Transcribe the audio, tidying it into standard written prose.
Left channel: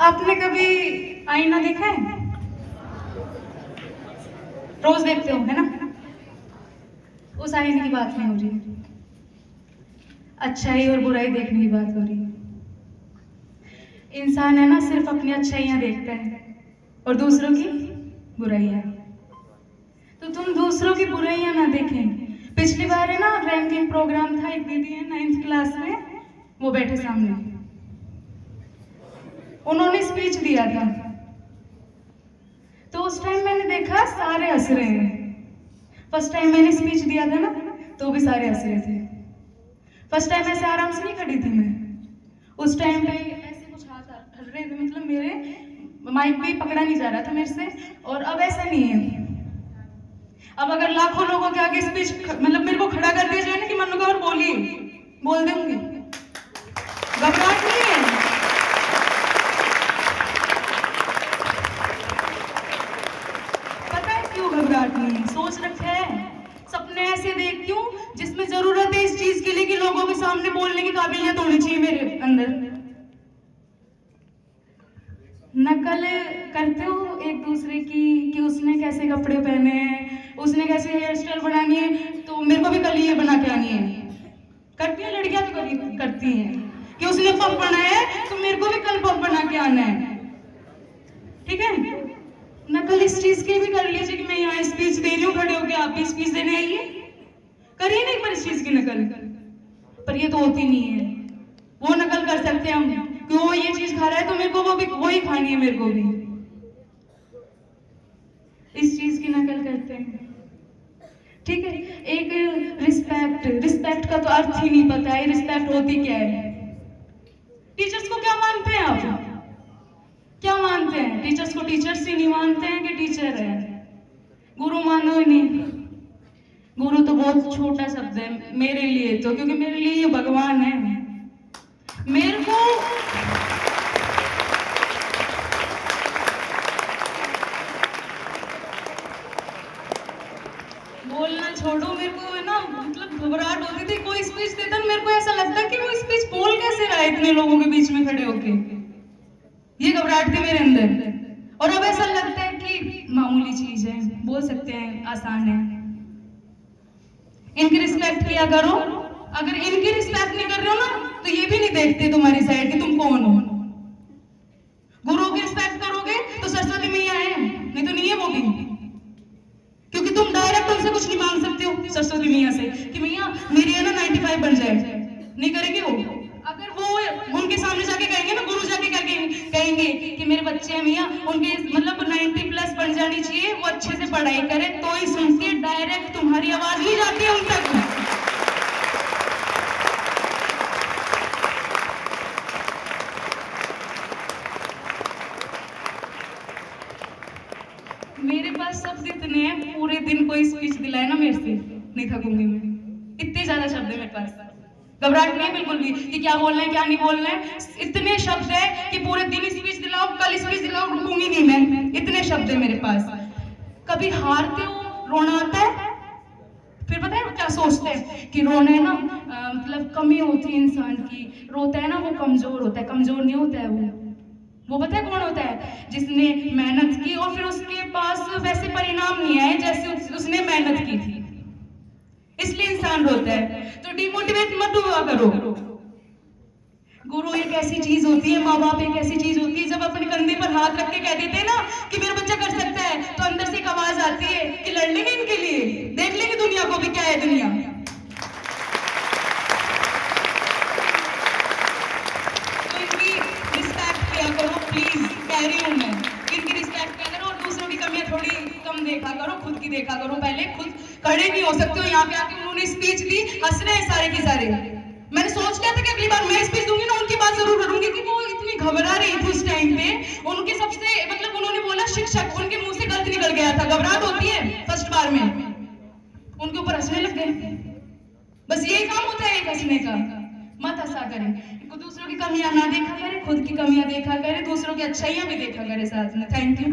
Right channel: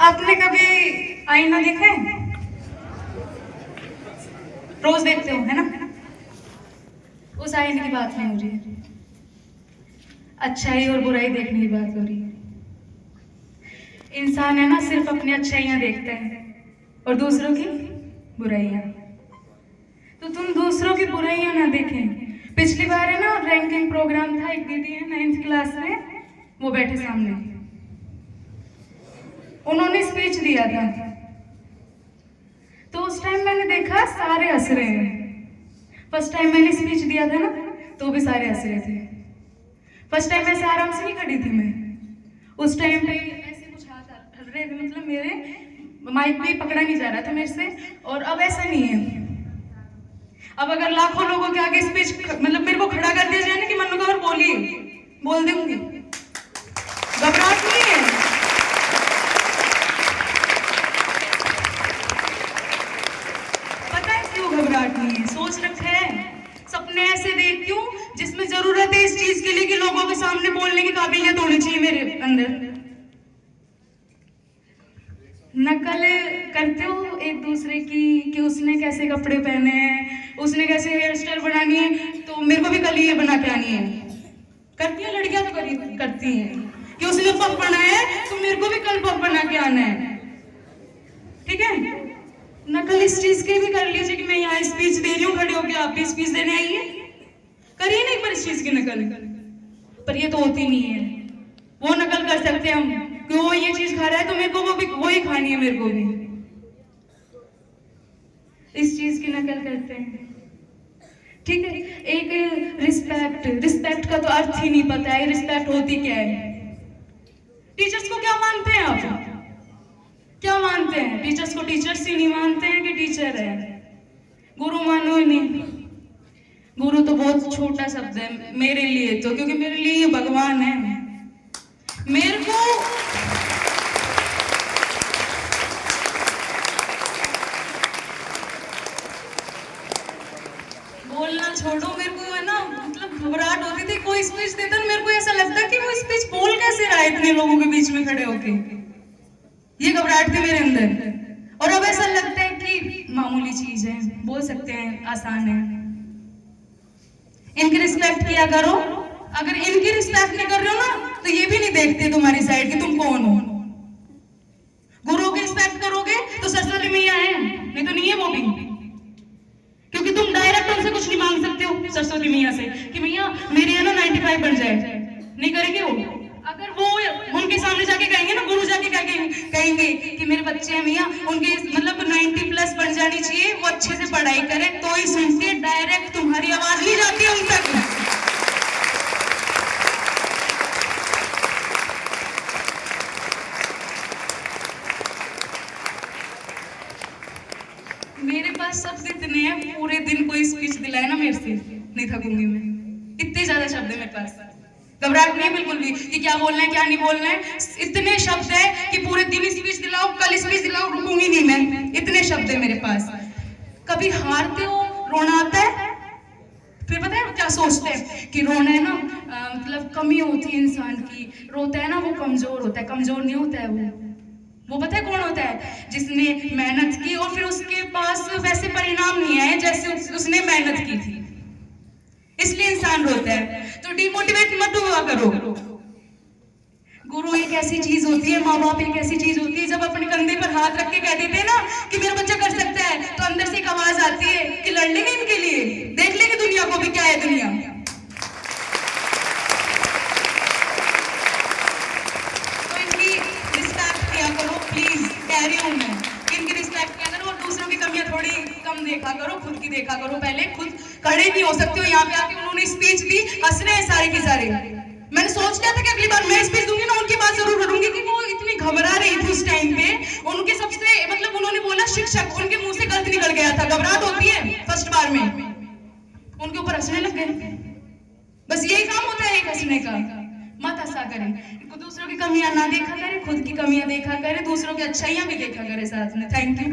आपने कभी आईना देखा है? रोज देखते हो है ना? उस आईने की बात नहीं हो रही है, अच्छाई और बुराई देखने की बात हो रही है। इंसान है ना, सिर्फ अपनी अच्छाइयां देखता है और दूसरों की बुराइयां। तो तुम दूसरों की बुराइयां ना देखें। पिछली बार है ना रैंकिंग प्रोग्राम था, एक दीदी है 9th क्लास में, वो बैठे सामने, उन्होंने स्पीच दिया था। तो उस टाइम मैंने देखा सारे हंस रहे हैं। फर्स्ट टाइम मैंने स्पीच दिया था ना, तो भी सारे हंस रहे थे। फर्स्ट टाइम ऐसे आराम से नहीं खड़ी थी मैं, उस टाइम पे ऐसे कुछ हाथ हल रहे थे, मतलब मेरे माइक भी पकड़ा नहीं जा रहा था मेरे से। और अब ऐसा नहीं है। अब अगर लाखों लोगों के आगे स्पीच मतलब मेरे को खड़ा कर दिया जाए ना कि मनु का और बोलिए, बोल दूंगी, घबराहट नहीं है। पता है क्यों घबराहट नहीं है? सोच रखा है, सपने ऐसे देखती हूँ जिसमें जरूरत है इस चीज के लिए कि लोगों के सामने बोलने की काबिलियत होनी चाहिए मेरे अंदर। नकल करते हो एक दूसरे की कि उसने कैसे कपड़े पहने हैं, उसने कैसे हेयर स्टाइल बनानी है, तो मेरे को भी कल ये बना के आनी है। करती हैं लड़कियां, तो करती हैं कि उसने पग बनाया है तो मेरे को भी कल पग बना के आना है। ठीक है, नकल इस चीज की भी कर लीजिए कि मैं यहाँ स्पीच दे रही हूँ, खड़े होकर आप भी स्पीच देने आइए, करिए नहीं पर इस चीज की नकल। पर ये तो होती नहीं है। वो नकल कर सकते हैं हम कि वो ये चीज खा रहा है तो मेरे को वो भी वही खानी है, मेरे को भी इस चीज की नकल करते हैं। ठीक है, एक रिस्पेक्ट, रिस्पेक्ट का तो अर्थ ही नहीं पता है, रिस्पेक्ट होती क्या है। टीचर्स को क्या मानते हैं आप? क्या मानते हैं? टीचर्स को टीचर्स ही नहीं मानते हैं कि टीचर है? गुरु मानो ही नहीं। गुरु तो बहुत छोटा शब्द है मेरे लिए तो, क्योंकि मेरे लिए ये भगवान है। मेरे को बोलना छोड़ो, मेरे को है ना मतलब घबराहट होती थी। कोई स्पीच देता मेरे को ऐसा लगता कि वो स्पीच बोल कैसे रहा है इतने लोगों के बीच में खड़े होके। ये घबराहट थी मेरे अंदर। और अब ऐसा लगता है कि मामूली चीज है, बोल सकते हैं, आसान है। इनकी रिस्पेक्ट किया करो। अगर इनकी रिस्पेक्ट नहीं कर रहे हो ना तो ये भी नहीं देखते तुम्हारी साइड कि तुम कौन हो। गुरुओं की रिस्पेक्ट करोगे तो सरस्वती मैया है, नहीं तो नहीं है वो भी, क्योंकि तुम डायरेक्ट उनसे कुछ नहीं मांग सकते हो सरस्वती मैया से कि मैया मेरी है ना 95 बन जाए, नहीं करेंगे वो। अगर वो उनके सामने जाके कहेंगे ना, गुरु जाके कहेंगे कि मेरे बच्चे हैं मैया उनकी मतलब 90+ बन जानी चाहिए, वो अच्छे से पढ़ाई करे, तो ही सुन के डायरेक्ट तुम्हारी आवाज नहीं जाती उन तक। मेरे पास शब्द इतने हैं, पूरे दिन कोई स्पीच दिलाए ना मेरे से नहीं थकूंगी मैं, इतने ज्यादा शब्द है मेरे पास। घबराहट नहीं है बिल्कुल भी कि क्या बोलना है क्या नहीं बोलना है। इतने शब्द है कि पूरे दिन स्पीच दिलाओ, कल स्पीच दिलाओ, रुकूंगी नहीं मैं, इतने शब्द है मेरे पास। कभी हारते हो, रोना आता है, फिर पता है क्या सोचते हैं कि रोना है ना मतलब कमी होती है इंसान की, रोता है ना वो कमजोर होता है। कमजोर नहीं होता है वो पता है कौन होता है? जिसने मेहनत की और फिर उसके पास वैसे परिणाम नहीं आए जैसे उसने मेहनत की थी, इसलिए इंसान रोता है। तो डिमोटिवेट मत हुआ करो। गुरु एक ऐसी चीज होती है, माँ बाप एक ऐसी चीज होती है, जब अपने कंधे पर हाथ रख के कह देते हैं ना कि मेरा बच्चा कर सकता है, तो अंदर से एक आवाज आती है कि लड़ लेंगे इनके लिए, देख लेंगे दुनिया को भी क्या है दुनिया। तो इनकी रिस्पेक्ट किया करो प्लीज, कह रही हूँ मैं, इनकी रिस्पेक्ट किया करो और दूसरों की कमियां थोड़ी कम देखा करो, खुद की देखा करो। पहले खुद खड़े नहीं हो सकते हो, यहाँ पे आके उन्होंने स्पीच दी, हंस रहे हैं सारे के सारे। मैंने सोच लिया था कि अगली बार मैं स्पीच दूंगी ना उनकी बात जरूर करूंगी कि वो इतनी घबरा रही थी उस टाइम पे। उनके सबसे मतलब उन्होंने बोला शिक्षक, उनके मुंह से गलत निकल गया था। घबराहट होती है फर्स्ट बार में, उनके ऊपर हंसने लग गए। बस यही काम होता है एक हंसने का। मत हंसा करें, दूसरों की कमियां ना देखा करें, खुद की कमियां देखा करें, दूसरों की अच्छाइयां भी देखा करें साथ में। Thank you.